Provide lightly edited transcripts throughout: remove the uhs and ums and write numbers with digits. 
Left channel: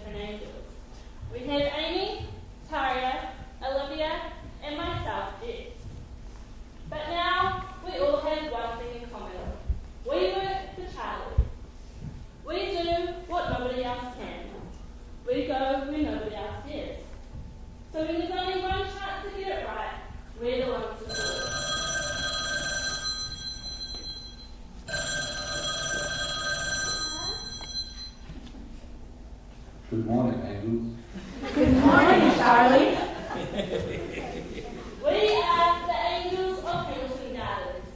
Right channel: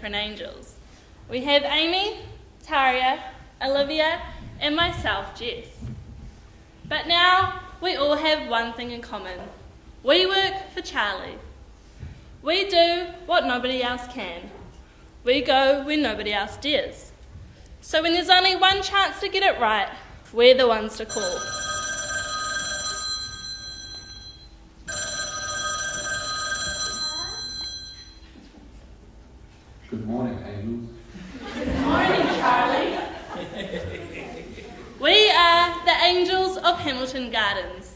different angels. We have Amy, Taria, Olivia, and myself, Jess. But now we all have one thing in common. We work for Charlie. We do what nobody else can. We go where nobody else dares. So when there's only one chance to get it right, we're the ones to call. Good morning, angels. Good morning, Charlie. We are the Angels of Hamilton Gardens.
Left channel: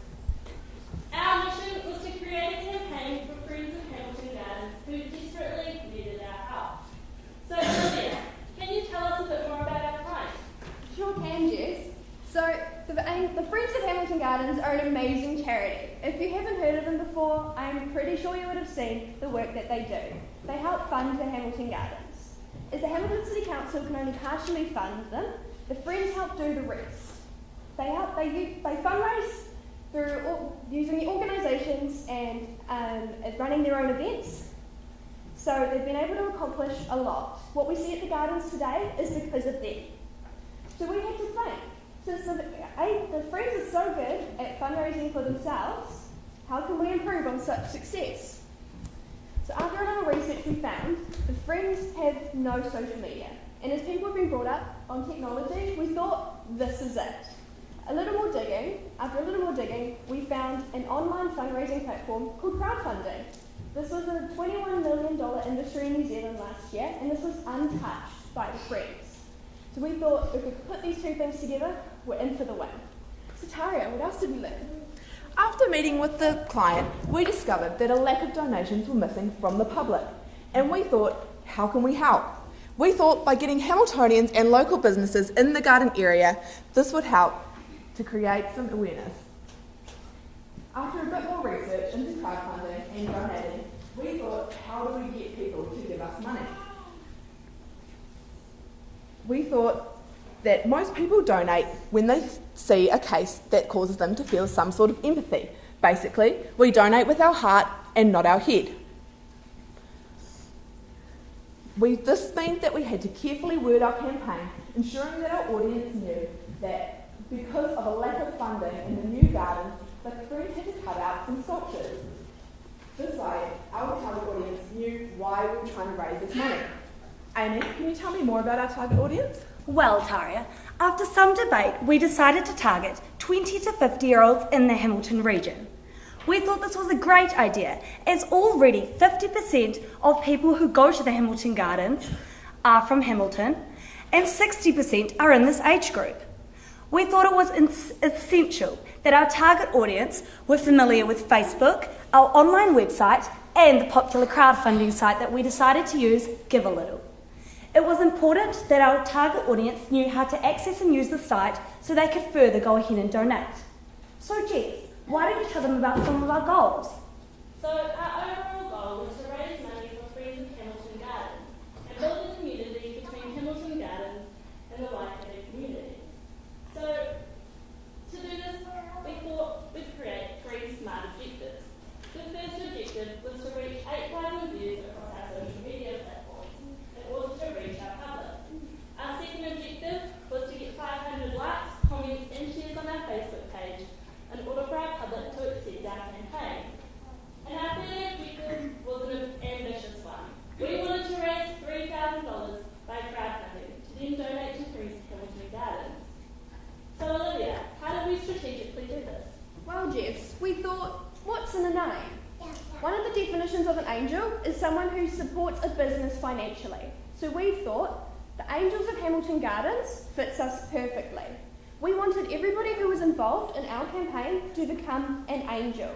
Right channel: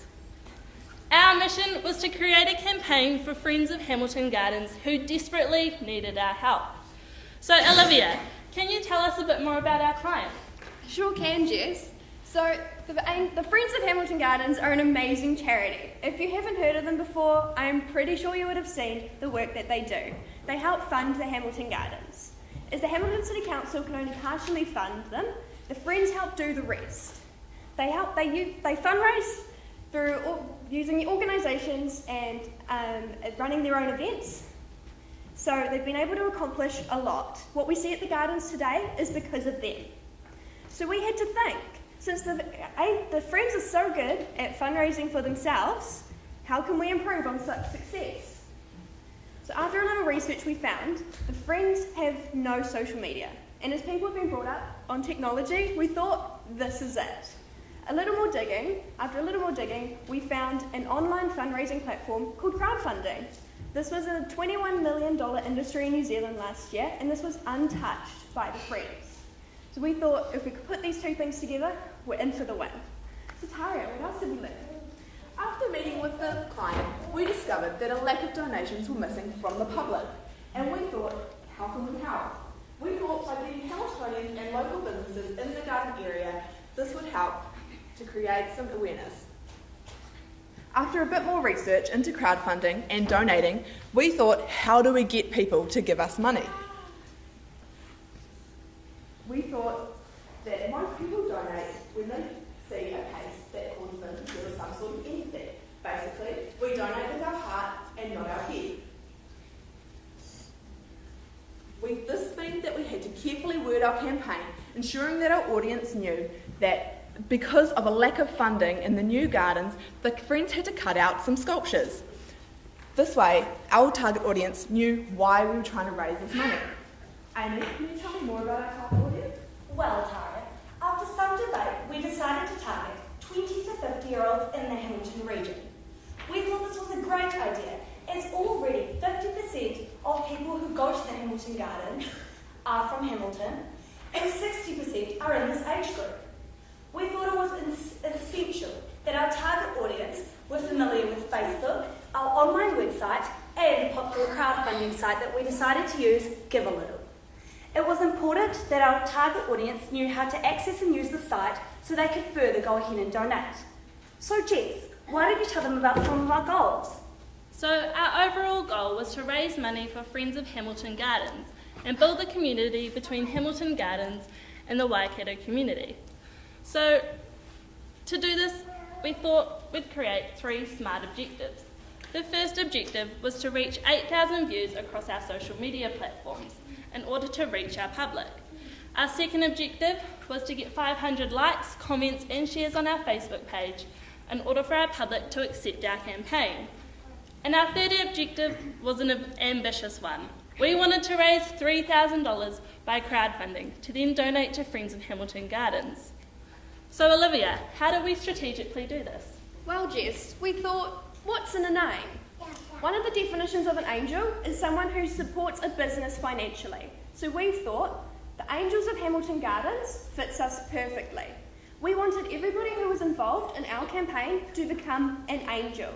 Our mission was to create a campaign for friends of Hamilton Gardens who desperately needed our help. So Olivia, can you tell us a bit more about our client? Sure can, Jess. So, the Friends of Hamilton Gardens are an amazing charity. If you haven't heard of them before, I'm pretty sure you would have seen the work that they do. They help fund the Hamilton Gardens. As the Hamilton City Council can only partially fund them, the Friends help do the rest. They fundraise through using the organisations and running their own events. So they've been able to accomplish a lot. What we see at the Gardens today is because of them. So we had to think, since the Friends are so good at fundraising for themselves, how can we improve on such success? So after a little research we found, the Friends have no social media. And as people have been brought up on technology, we thought this is it. After a little more digging, we found an online fundraising platform called crowdfunding. This was a $21 million industry in New Zealand last year, and this was untouched by the Friends. So we thought if we could put these two things together, we're in for the win. So Taria, what else did we learn? After meeting with the client, we discovered that a lack of donations were missing from the public. And we thought, how can we help? We thought by getting Hamiltonians and local businesses in the garden area, this would help to create some awareness. After a bit more research into crowdfunding and donating, we thought, how do we get people to give us money? We thought that most people donate when they see a case that causes them to feel some sort of empathy. Basically, we donate with our heart and not our head. This meant that we had to carefully word our campaign, ensuring that our audience knew that because of a lack of funding in the new gardens, the Friends had to cut out some sculptures. This way, our target audience knew why we were trying to raise this money. Amy, can you tell me more about our target audience? Well, Taria, after some debate, we decided to target 20 to 50-year-olds in the Hamilton region. We thought this was a great idea, as already 50% of people who go to the Hamilton Gardens are from Hamilton, and 60% are in this age group. We thought it was essential that our target audience were familiar with Facebook, our online website, and the popular crowdfunding site that we decided to use, Give a Little. It was important that our target audience knew how to access and use the site so they could further go ahead and donate. So Jess, why don't you tell them about some of our goals? So our overall goal was to raise money for Friends of Hamilton Gardens and build the community between Hamilton Gardens and the Waikato community. So to do this, we thought we'd create 3 SMART objectives. The first objective was to reach 8,000 views across our social media platforms in order to reach our public. Our second objective was to get 500 likes, comments and shares on our Facebook page in order for our public to accept our campaign. And our third objective was an ambitious one. We wanted to raise $3,000 by crowdfunding to then donate to Friends of Hamilton Gardens. So Olivia, how do we strategically do this? Well, Jess, we thought, what's in a name? One of the definitions of an angel is someone who supports a business financially. So we thought, the Angels of Hamilton Gardens fits us perfectly. We wanted everybody who was involved in our campaign to become an angel.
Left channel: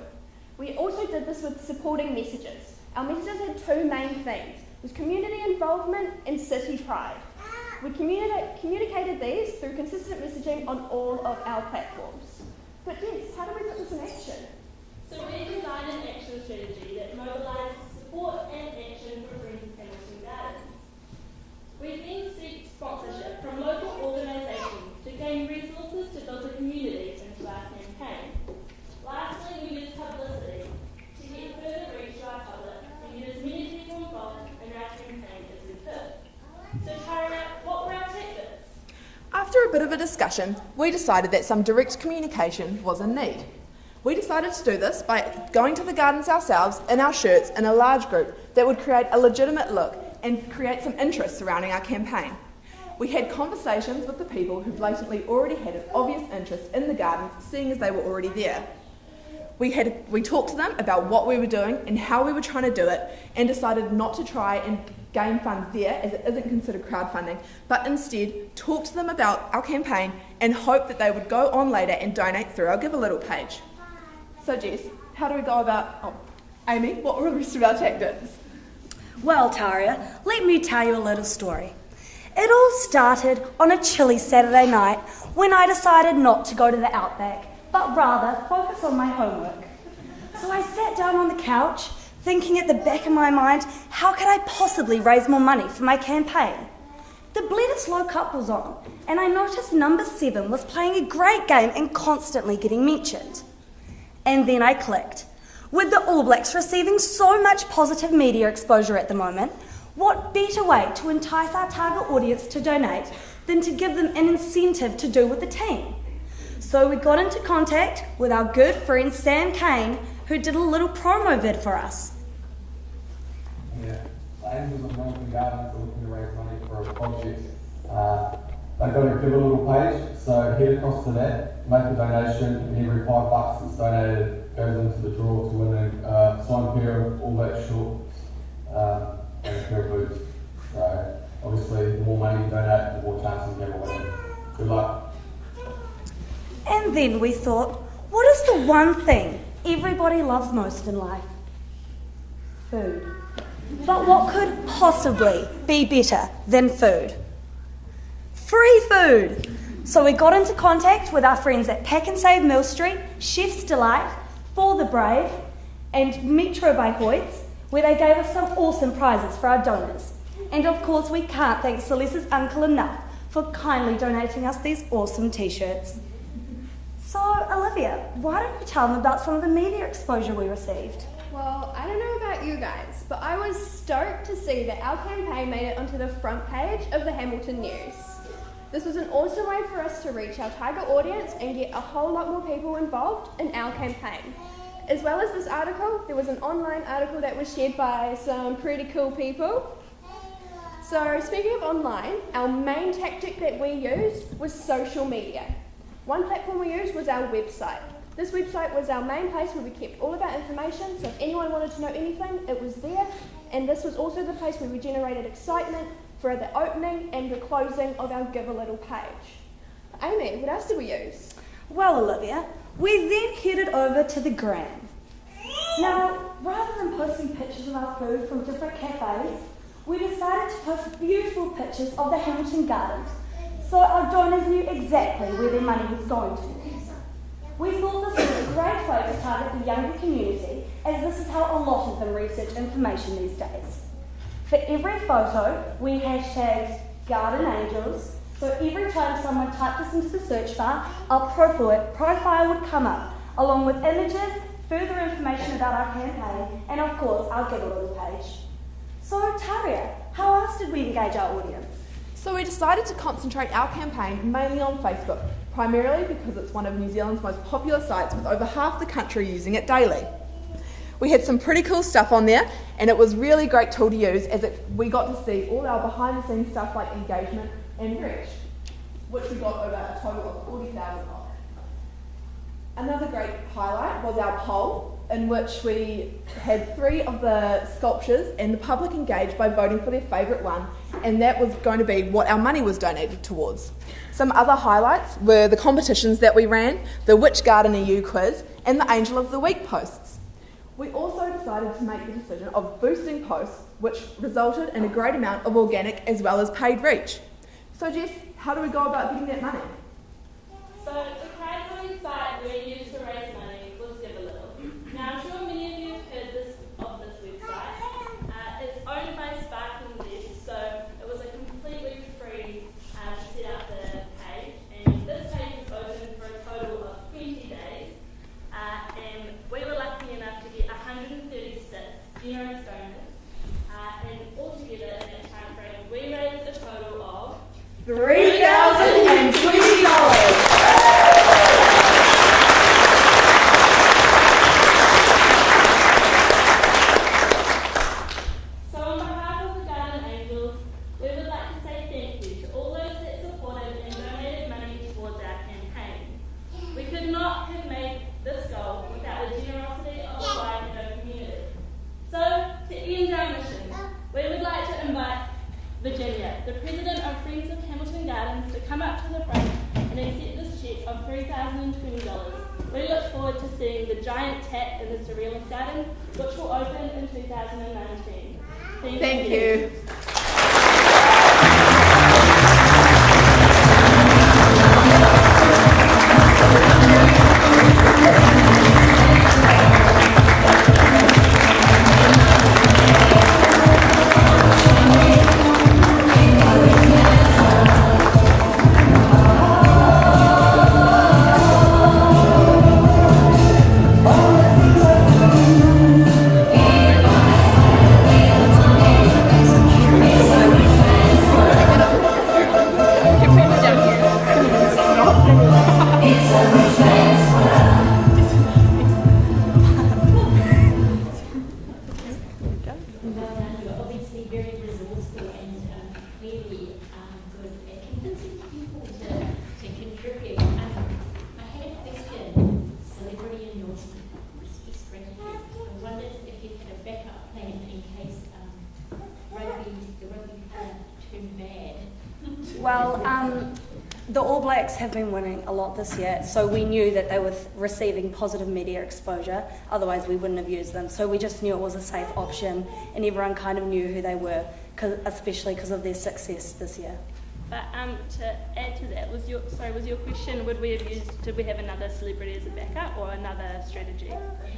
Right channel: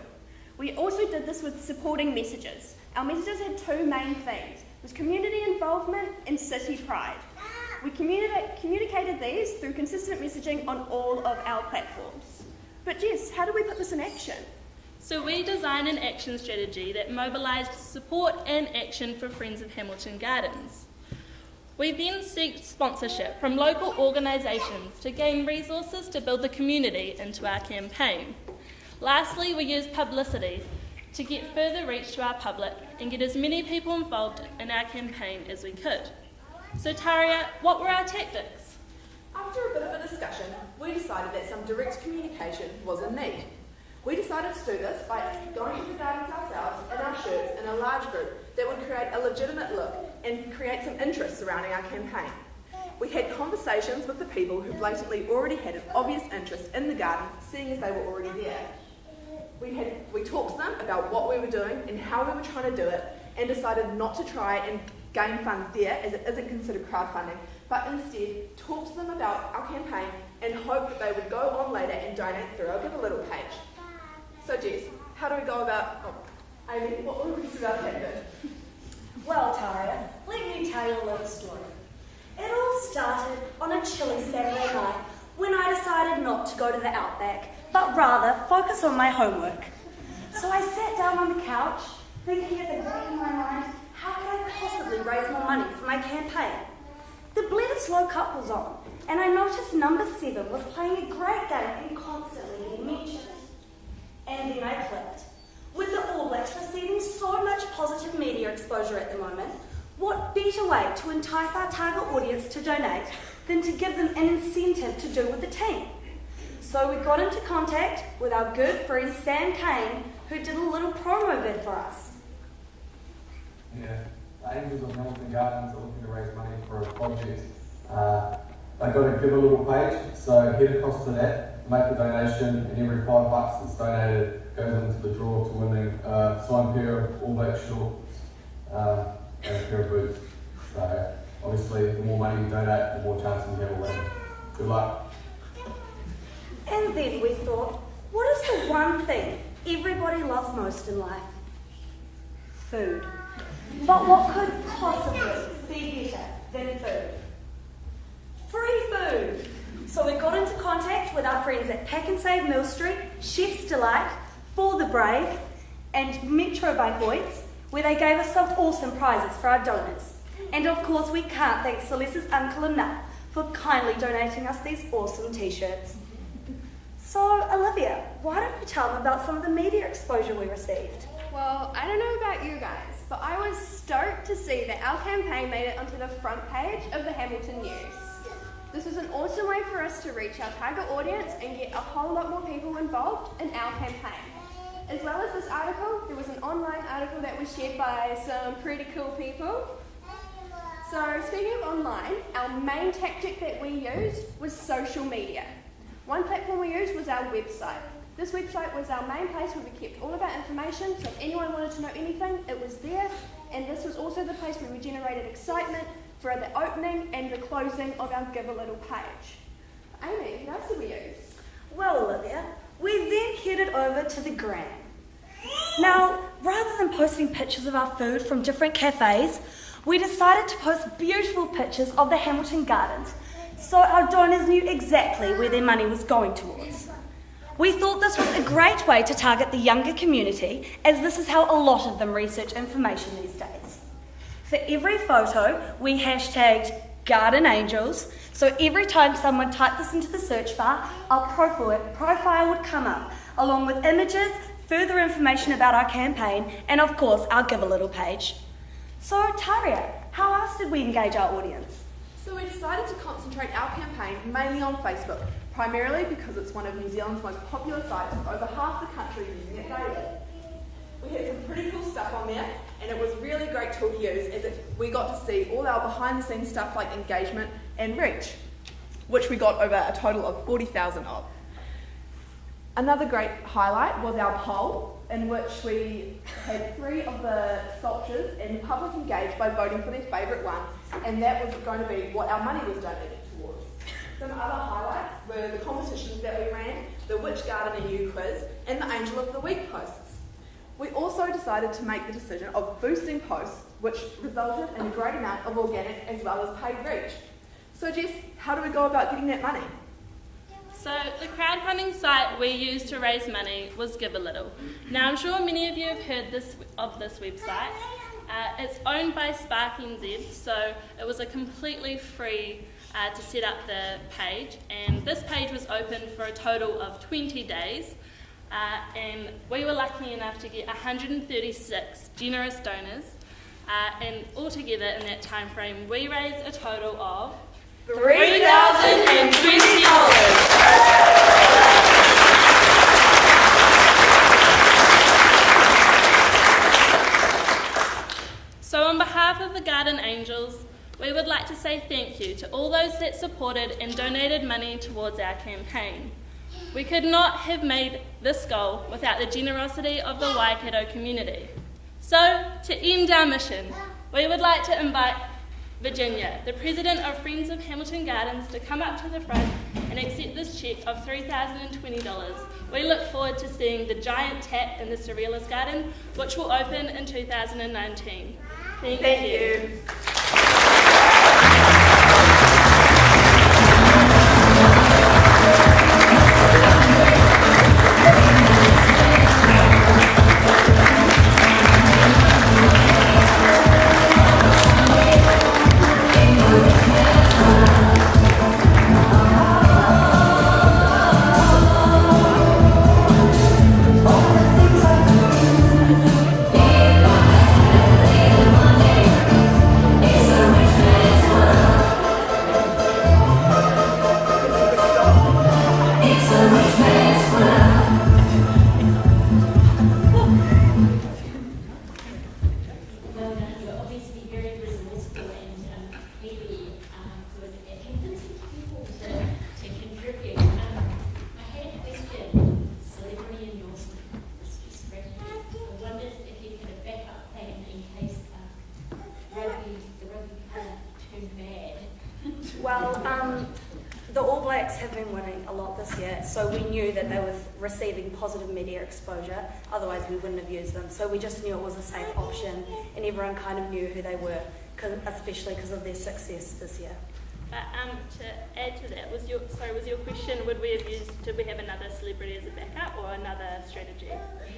We also did this with supporting messages. Our messages had 2 main themes. It was community involvement and city pride. We communicated these through consistent messaging on all of our platforms. But Jess, how do we put this in action? So we designed an action strategy that mobilised support and action for Friends of Hamilton Gardens. We then sought sponsorship from local organisations to gain resources to build the community into our campaign. Lastly, we used publicity to get further reach to our public and get as many people involved in our campaign as we could. So Taria, what were our tactics? After a bit of a discussion, we decided that some direct communication was in need. We decided to do this by going to the gardens ourselves in our shirts in a large group that would create a legitimate look and create some interest surrounding our campaign. We had conversations with the people who blatantly already had an obvious interest in the gardens, seeing as they were already there. We talked to them about what we were doing and how we were trying to do it, and decided not to try and gain funds there, as it isn't considered crowdfunding, but instead talk to them about our campaign and hope that they would go on later and donate through our Give a Little page. So Jess, how do we go about, Amy, what were the rest of our tactics? Well, Taria, let me tell you a little story. It all started on a chilly Saturday night when I decided not to go to the Outback, but rather focus on my homework. So I sat down on the couch, thinking at the back of my mind, how could I possibly raise more money for my campaign? The Bledisloe Cup was on, and I noticed number 7 was playing a great game and constantly getting mentioned. And then I clicked. With the All Blacks receiving so much positive media exposure at the moment, what better way to entice our target audience to donate than to give them an incentive to do with the team? So we got into contact with our good friend Sam Kane, who did a little promo vid for us. Yeah, the Angels of Hamilton Gardens are looking to raise money for a project. They've got a Give a Little page, so head across to that, make a donation, and every $5 that's donated goes into the draw to winning a signed pair of All Black shorts and a pair of boots. So obviously, the more money you donate, the more chances you have of winning. Good luck. And then we thought, what is the one thing everybody loves most in life? Food. But what could possibly be better than food? Free food! So we got into contact with our friends at Pack and Save Mill Street, Chef's Delight, For the Brave, and Metro by Hoyts, where they gave us some awesome prizes for our donors. And of course, we can't thank Celeste's uncle enough for kindly donating us these awesome t-shirts. So, Olivia, why don't you tell them about some of the media exposure we received? Well, I don't know about you guys, but I was stoked to see that our campaign made it onto the front page of the Hamilton News. This was an awesome way for us to reach our target audience and get a whole lot more people involved in our campaign. As well as this article, there was an online article that was shared by some pretty cool people. So speaking of online, our main tactic that we used was social media. One platform we used was our website. This website was our main place where we kept all of our information, so if anyone wanted to know anything, it was there. And this was also the place where we generated excitement for the opening and the closing of our Give a Little page. Amy, what else did we use? Well, Olivia, we then headed over to the Gram. Now, rather than posting pictures of our food from different cafes, we decided to post beautiful pictures of the Hamilton Gardens so our donors knew exactly where their money was going towards. We thought this was a great way to target the younger community, as this is how a lot of them research information these days. For every photo, we hashtagged Garden Angels, so every time someone typed this into the search bar, our profile would come up, along with images, further information about our campaign, and of course, our Give a Little page. So, Taria, how else did we engage our audience? So we decided to concentrate our campaign mainly on Facebook, primarily because it's one of New Zealand's most popular sites with over half the country using it daily. We had some pretty cool stuff on there, and it was a really great tool to use as we got to see all our behind the scenes stuff like engagement and reach, which we got over a total of 40,000 of. Another great highlight was our poll, in which we had 3 of the sculptures and the public engaged by voting for their favourite one, and that was going to be what our money was donated towards. Some other highlights were the competitions that we ran, the Which Garden Are You quiz, and the Angel of the Week posts. We also decided to make the decision of boosting posts, which resulted in a great amount of organic as well as paid reach. So Jess, how do we go about getting that money? So the crowdfunding site we used to raise money was Give a Little. Now I'm sure many of you have heard of this website. It's owned by SparkNZ, so it was a completely free to set up the page, and this page was open for a total of 20 days. and we were lucky enough to get 136 generous donors, and altogether in that time frame we raised a total of $3,020. So on behalf of the Garden Angels, we would like to say thank you to all those that supported and donated money towards our campaign. We could not have made this goal without the generosity of the Waikato community. So, to end our mission, we would like to invite Virginia, the President of Friends of Hamilton Gardens, to come up to the front and accept this cheque of $3,020. We look forward to seeing the giant tap in the Surrealist Garden, which will open in 2019. Thank you. The All Blacks have been winning a lot this year, so we knew that they were receiving positive media exposure, otherwise we wouldn't have used them. So we just knew it was a safe option, and everyone kind of knew who they were, especially because of their success this year. But to add to that, was your question, did we have another celebrity as a backup or another strategy?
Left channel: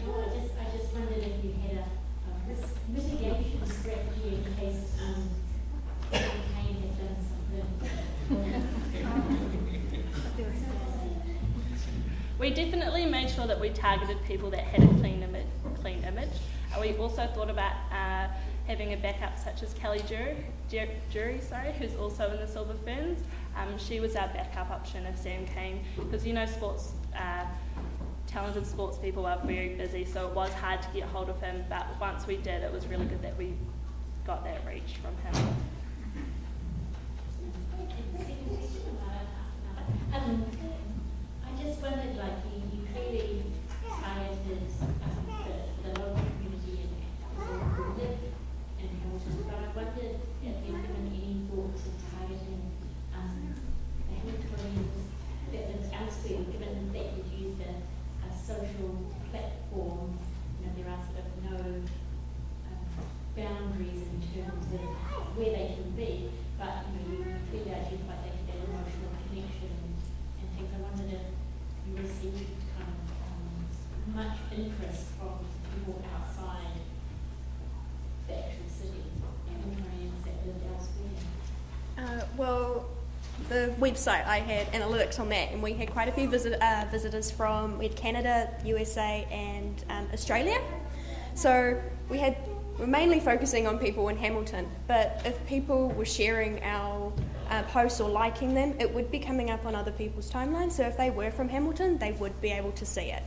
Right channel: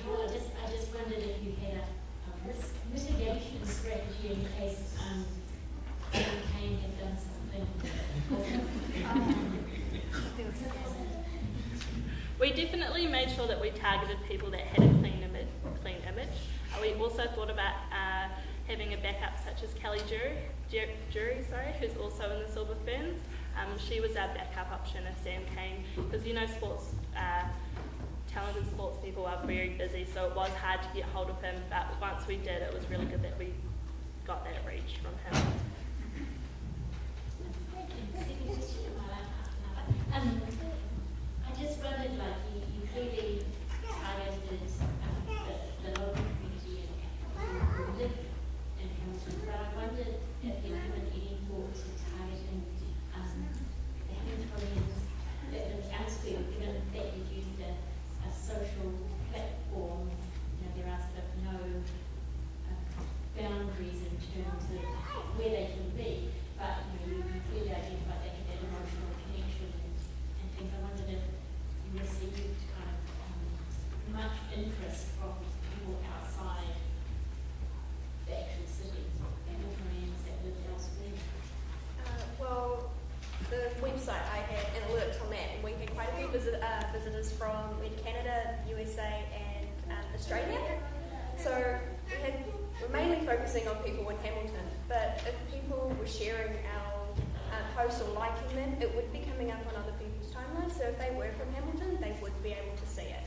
Well, I just wondered if you had a risk mitigation strategy in case Kane had done something. We definitely made sure that we targeted people that had a clean image. We also thought about having a backup such as Kelly Jury, who's also in the Silver Ferns. She was our backup option if Sam came, because talented sports people are very busy, so it was hard to get hold of him, but once we did, it was really good that we got that reach from him. I just wondered, you clearly targeted the local community and who live in Hamilton, but I wondered if you've given any thought to targeting the Hamiltonians that live elsewhere, given that you've used a social platform. There are sort of no boundaries in terms of where they can be, but you clearly identified they had that emotional connection and things. I wondered if you received kind of much interest from people outside the actual city, Hamiltonians that lived elsewhere. Well, the website, I had analytics on that, and we had quite a few visitors from Canada, USA, and Australia. So we're mainly focusing on people in Hamilton, but if people were sharing our posts or liking them, it would be coming up on other people's timelines. So if they were from Hamilton, they would be able to see it.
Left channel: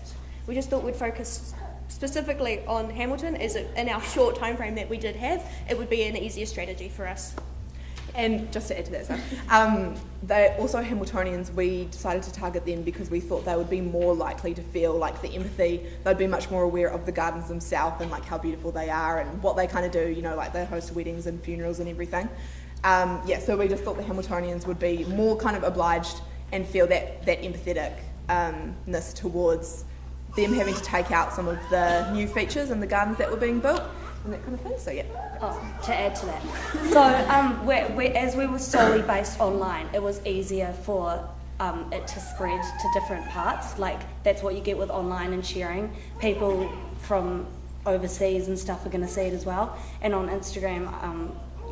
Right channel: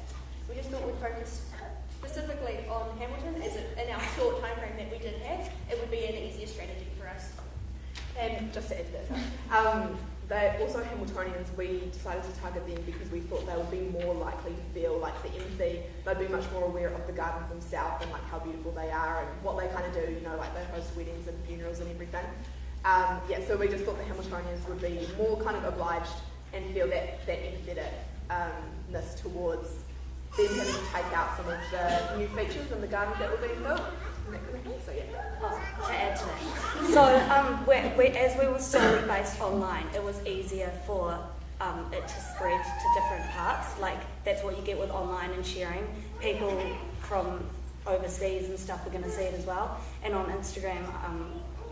We just thought we'd focus specifically on Hamilton, as in our short time frame that we did have, it would be an easier strategy for us. And just to add to that, they also Hamiltonians, we decided to target them because we thought they would be more likely to feel like the empathy. They'd be much more aware of the gardens themselves and like how beautiful they are and what they kind of do, like they host weddings and funerals and everything. So we just thought the Hamiltonians would be more kind of obliged and feel that empatheticness towards them having to take out some of the new features in the gardens that were being built. And that kind of thing, so yeah. To add to that. So as we were solely based online, it was easier for it to spread to different parts. Like, that's what you get with online and sharing. People from overseas and stuff are going to see it as well. And on Instagram,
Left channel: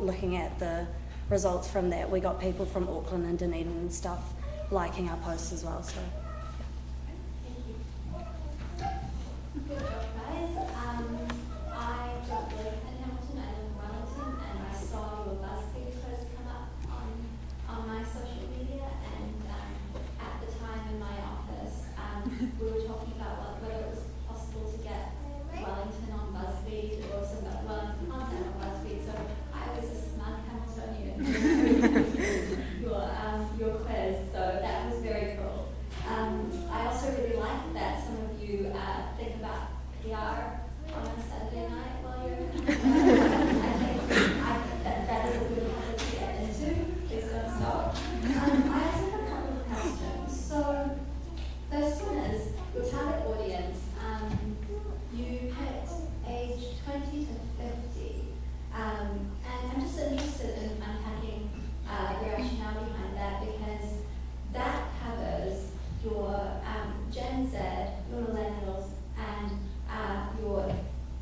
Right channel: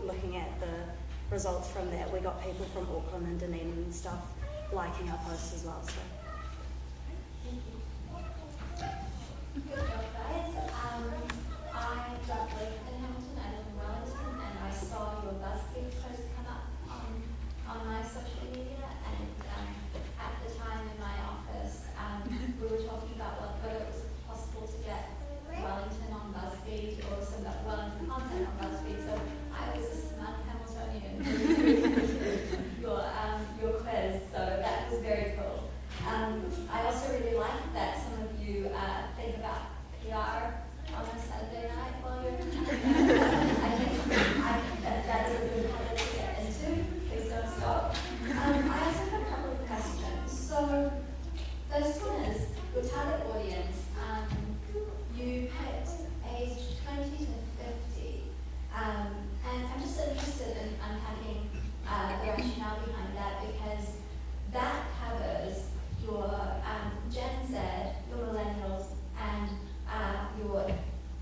looking at the results from that, we got people from Auckland and Dunedin and stuff liking our posts as well. So. on a Saturday night while you're I think that is a good habit to get into. Please don't stop. I also have a couple of questions. So, first one is your target audience. You picked age 20 to 50. And I'm just interested in unpacking the rationale behind that, because that covers your Gen Z, your millennials, and your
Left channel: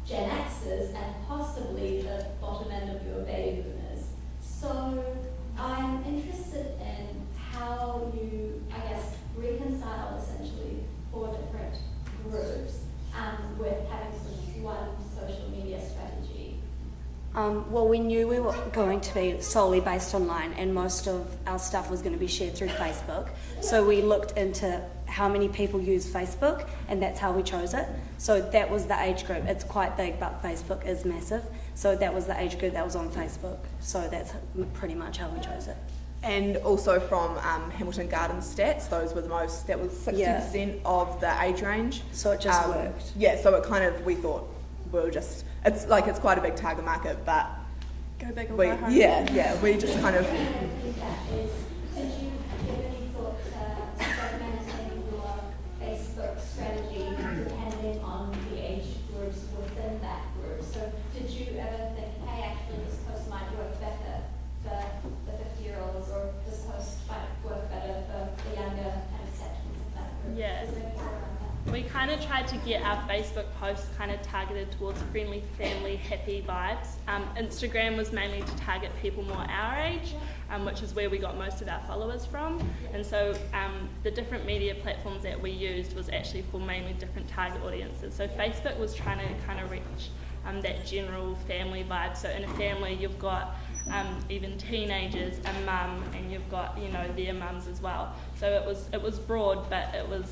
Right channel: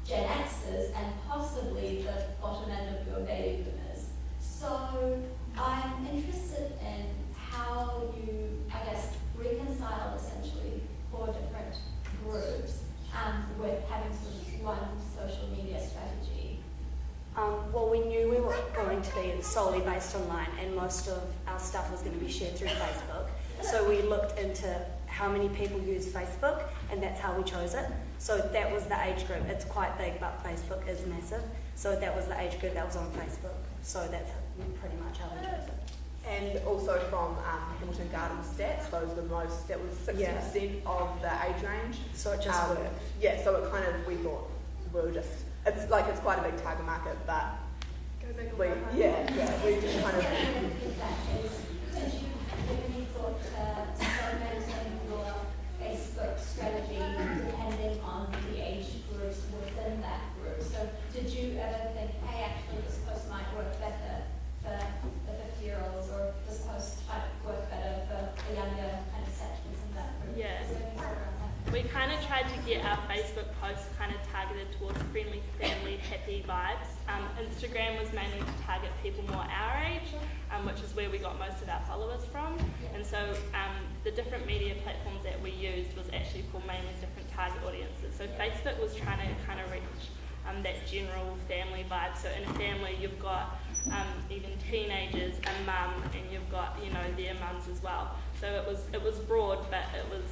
Gen Xers, and possibly the bottom end of your baby boomers. So I'm interested in how you, I guess, reconcile essentially 4 different groups with having sort of one social media strategy. Well, we knew we were going to be solely based online, and most of our stuff was going to be shared through Facebook. So we looked into how many people use Facebook, and that's how we chose it. So that was the age group. It's quite big, but Facebook is massive. So that was the age group that was on Facebook. So that's pretty much how we chose it. And also from Hamilton Gardens stats, those were the most, that was 60% of the age range. So it just worked. Yeah, so it kind of, we thought we were just, it's quite a big target market, but Go big or we, go home. we just kind of, Did you give any thought to segmenting your Facebook strategy depending on the age groups within that group? So did you ever think, hey, actually this post might work better for the 50-year-olds, or this post might work better for the younger kind of sections of that group? Yeah. Is there any thought around that? We kind of tried to get our Facebook posts kind of targeted towards friendly, family, happy vibes. Instagram was mainly to target people more our age, which is where we got most of our followers from. And so the different media platforms that we used was actually for mainly different target audiences. So Facebook was trying to kind of reach that general family vibe. So in a family, you've got even teenagers, a mum, and you've got, you know, their mums as well. So it was broad, but it was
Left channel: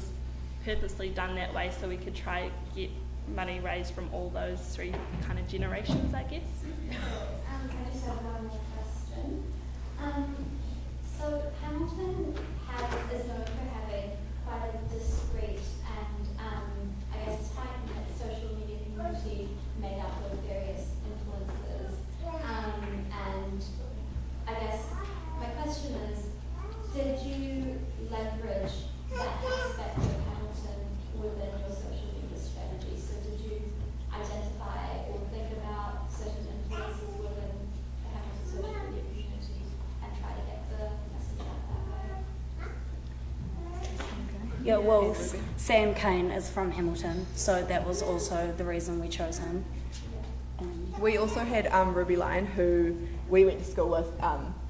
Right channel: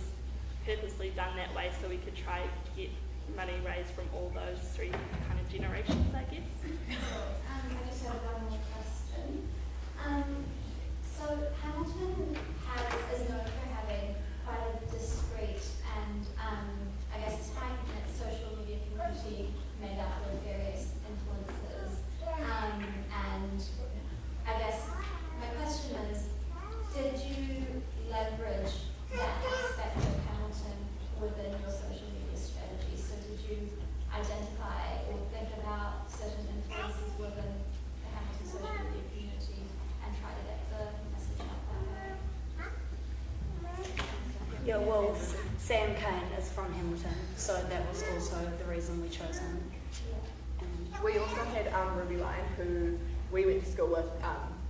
purposely done that way so we could try to get money raised from all those 3 kind of generations, I guess. I just have one more question. So Hamilton is known for having quite a discreet and I guess tight-knit social media community made up of various influencers. And I guess my question is, did you leverage that aspect of Hamilton within your social media strategy? So did you identify or think about certain influences within the Hamilton social media community and try to get the message out that way? Yeah, well, Sam Kane is from Hamilton, so that was also the reason we chose him. we also had Ruby Lyon, who we went to school with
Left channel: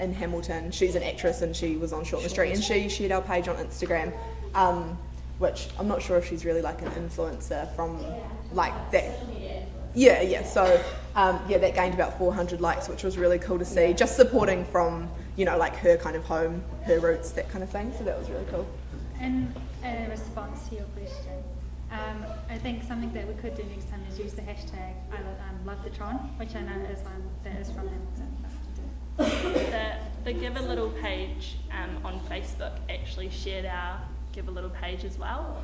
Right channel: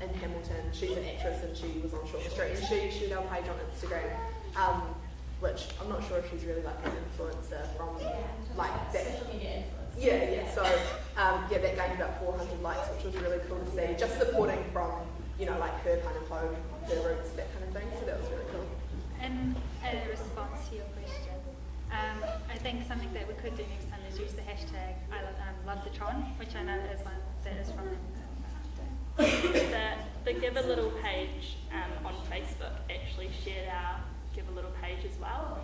in Hamilton. She's an actress and she was on Short and Street, and she shared our page on Instagram, which I'm not sure if she's really like an influencer from like that. Yeah. So that gained about 400 likes, which was really cool to see. Just supporting from, you know, like her kind of home, her roots, that kind of thing. So that was really cool. And in response to your question, I think something that we could do next time is use the hashtag #LoveTheTron, which I know is one that is from the Give a Little page on Facebook actually shared our Give a Little page as well.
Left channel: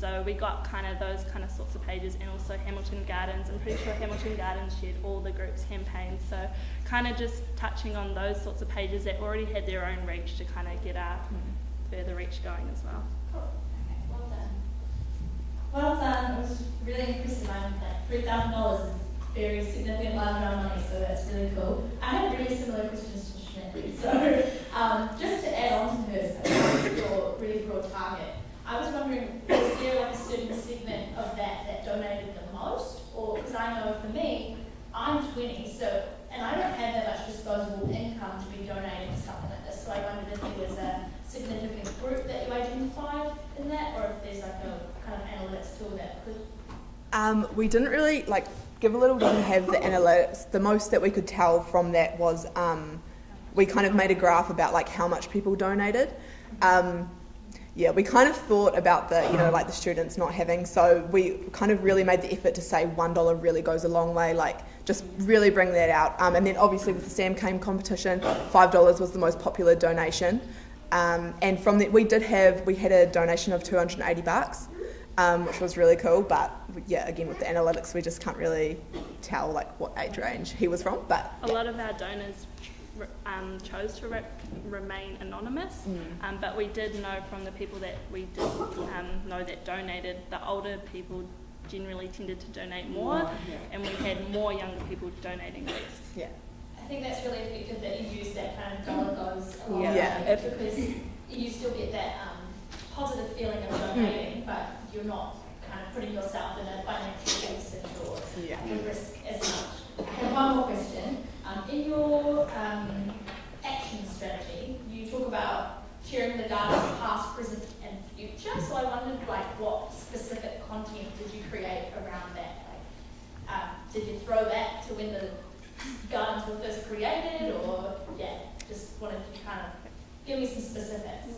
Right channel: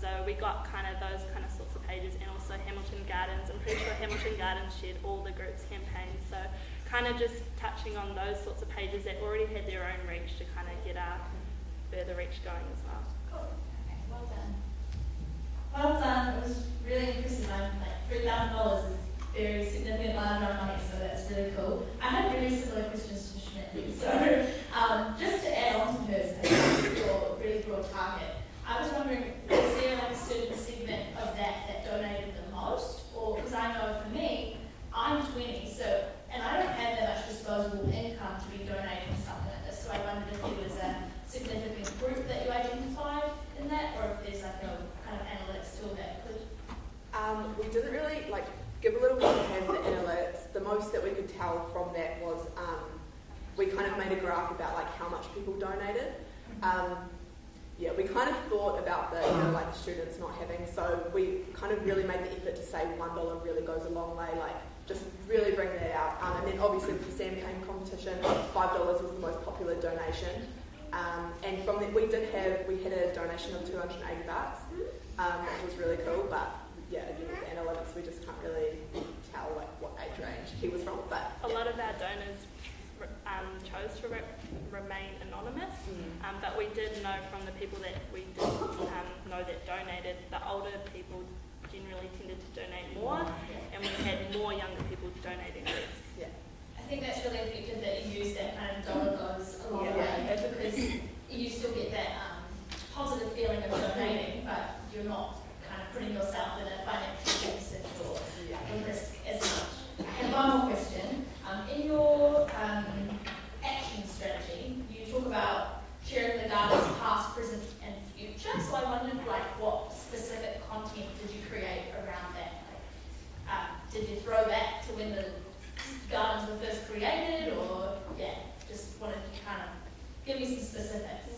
So we got kind of those kind of sorts of pages, and also Hamilton Gardens. I'm pretty sure Hamilton Gardens shared all the group's campaigns. So kind of just touching on those sorts of pages that already had their own reach to kind of get our further reach going as well. Cool. Okay, well done. Well done. It was really impressive. Like $3,000 is very significant amount of money, so that's really cool. I have really similar questions to Shmit. So just to add on to hers, your really broad target, I was wondering, was there like a certain segment of that donated the most? Or, because I know for me, I'm 20, so, and I don't have that much disposable income to be donating to something like this, so I wondered if there was a significant group that you identified in that, or if there's like a kind of analytics tool that could. We didn't really Give a Little didn't have the analytics. The most that we could tell from that was we kind of made a graph about like how much people donated. We kind of thought about the the students not having, so we kind of really made the effort to say $1 really goes a long way, just really bring that out. And then obviously with the Sam Kane competition, $5 was the most popular donation. And from that we had a donation of $280, which was really cool, but yeah, again with the analytics, we just can't really tell like what age range he was from. But A lot of our donors chose to remain anonymous, but we did know from the people that we did know that donated, the older people generally tended to donate more, and we had more younger people donating less. yeah, I think that's really effective that you use that kind of dollar goes a long Yeah. way, because you still get that positive feeling of donating, but you're not kind of putting yourself in a financial deficit or risk as much. And one more question. In your action strategy, you talk about sharing the garden's past, present and future, so I wondered what specific content did you create around that? Did you throw back to when the gardens were first created, or just wanted to kind of give me some specifics?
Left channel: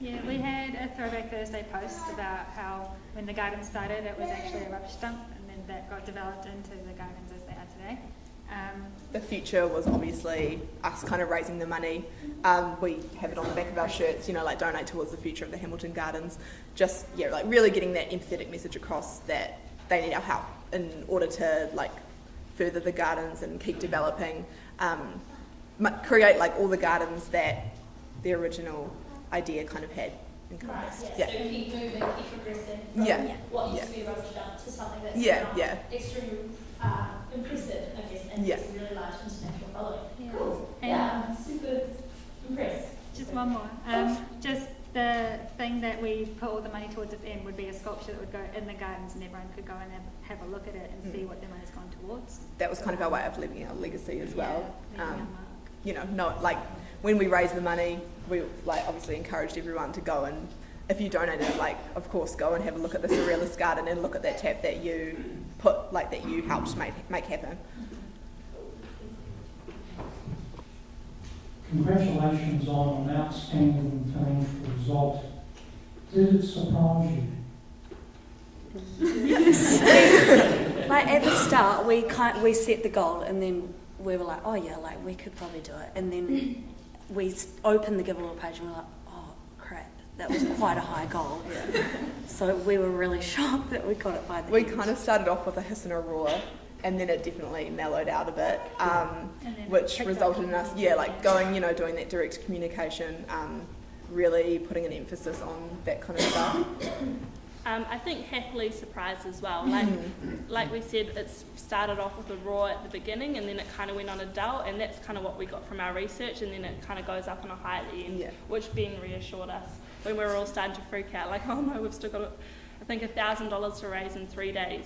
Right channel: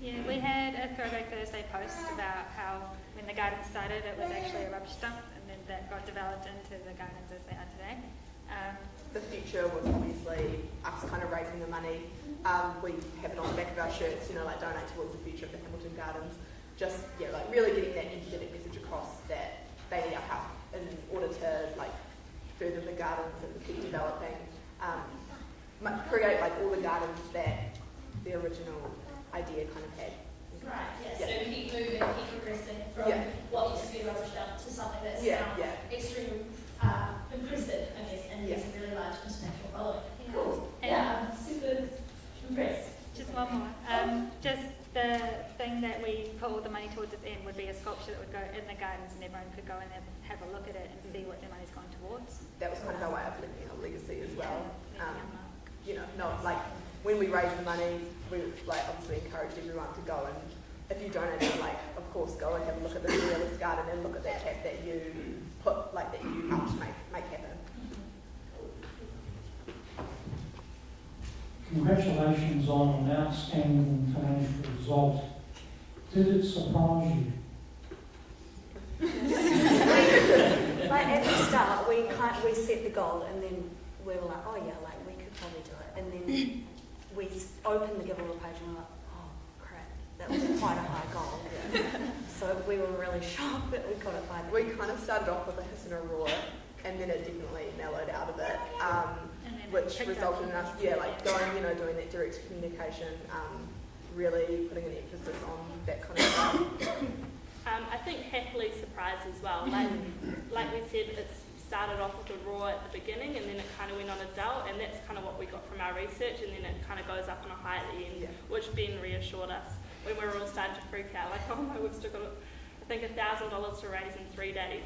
Yeah, we had a Throwback Thursday post about how when the garden started it was actually a rubbish dump, and then that got developed into the gardens as they are today. the future was obviously us kind of raising the money. We have it on the back of our shirts, you know, like donate towards the future of the Hamilton Gardens. Just, like really getting that empathetic message across that they need our help in order to like further the gardens and keep developing, create like all the gardens that the original idea kind of had. Right, so keep moving, keep progressing from what used to be a rubbish dump to something that's now extremely impressive, I guess, and has a really large international following. Cool. Yeah, I'm super impressed. Just one more. Just the thing that we put all the money towards at the end would be a sculpture that would go in the gardens, and everyone could go in and have a look at it and see what their money's gone towards. That was kind of our way of leaving our legacy as well. You know, not like when we raised the money, we like obviously encouraged everyone to go, and if you donated, like of course go and have a look at the Surrealist Garden and look at that tap that you put, like that you helped make happen. Congratulations on an outstanding financial result. Did it surprise you? Like at the start, we set the goal, and then we were like, oh yeah, like we could probably do it. And then we opened the Giveaway page and we were like, oh crap, that was quite a high goal. So we were really shocked that we got it by the We end. kind of started off with a hiss and a roar, and then it definitely mellowed out a bit, which resulted in us, like going, doing that direct communication, really putting an emphasis on that kind of stuff. I think happily surprised as well. Like we said, it started off with a roar at the beginning, and then it kind of went on a dull, and that's kind of what we got from our research, and then it kind of goes up on a high at the end, which Ben reassured us when we were all starting to freak out, like, oh no, we've still got, I think, $1,000 to raise in 3 days.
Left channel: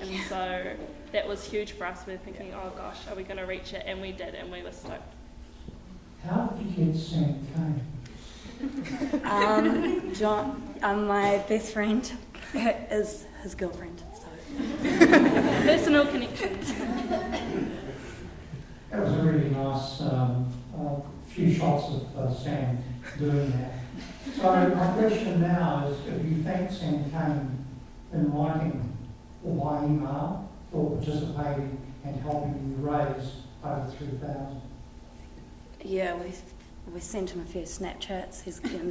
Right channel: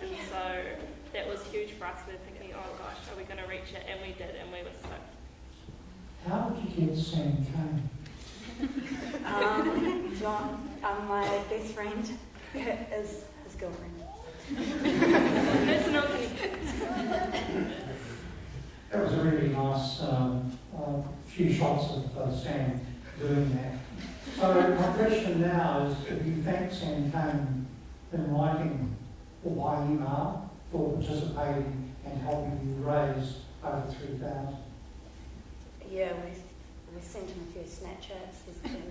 And so that was huge for us. We were thinking, oh gosh, are we going to reach it? And we did, and we were stoked. How did you get Sam Kane? John, my best friend is his girlfriend. Personal connections. That was a really nice few shots of Sam doing that. So my question now is, have you thanked Sam Kane in writing or by email for participating and helping you raise over 3,000? Yeah, we sent him a few Snapchats. He's getting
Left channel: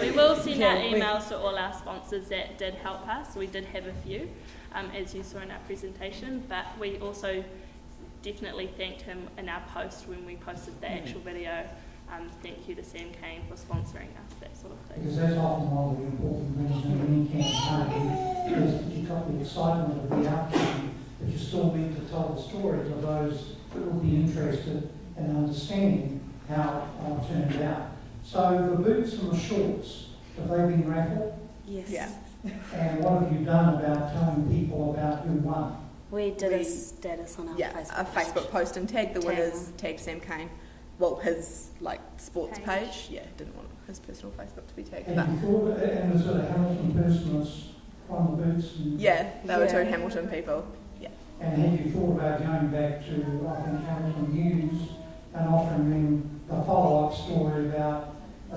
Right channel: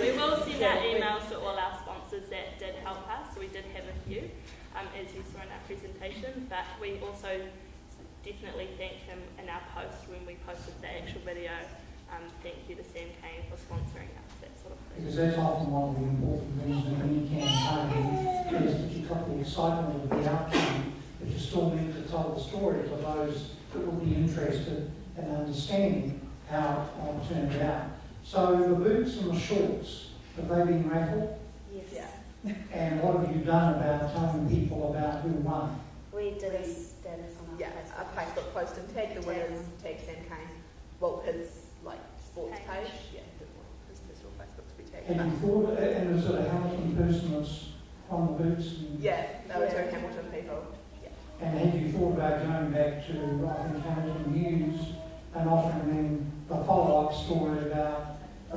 We will send out emails to all our sponsors that did help us. We did have a few, as you saw in our presentation, but we also definitely thanked him in our post when we posted the actual video. Thank you to Sam Kane for sponsoring us, that sort of thing. Because that's often one of the important things in any campaign, is that you've got the excitement of the outcome, but you still need to tell the story to those that will be interested in understanding how it turned out. So the boots and the shorts, have they been raffled? Yes. Yeah. And what have you done about telling people about who won? We did a status on our Facebook. A Facebook post and tag the winners, tag Sam Kane. Well, his sports page. Yeah, didn't want his personal Facebook to be tagged. And you thought, and was it a Hamilton person that's won the boots? And Yeah, they were two Hamilton people. Yeah. And have you thought about going back to, I think, Hamilton News and offering them the follow-up story about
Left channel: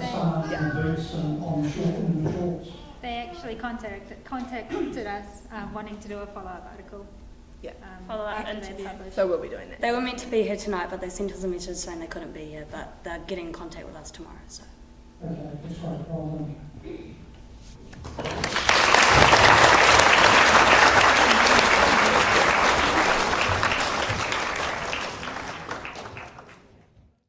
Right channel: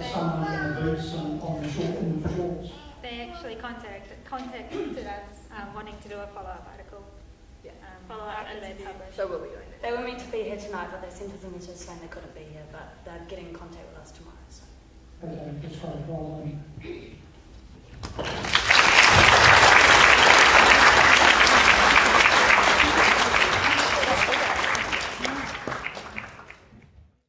someone in the boots and on the short, in the shorts? They actually contacted us wanting to do a follow-up article. Yeah. Follow-up after they interview. published. So we'll be doing that. They were meant to be here tonight, but they sent us a message saying they couldn't be here, but they're getting in contact with us tomorrow. So. Okay, that's right, well done.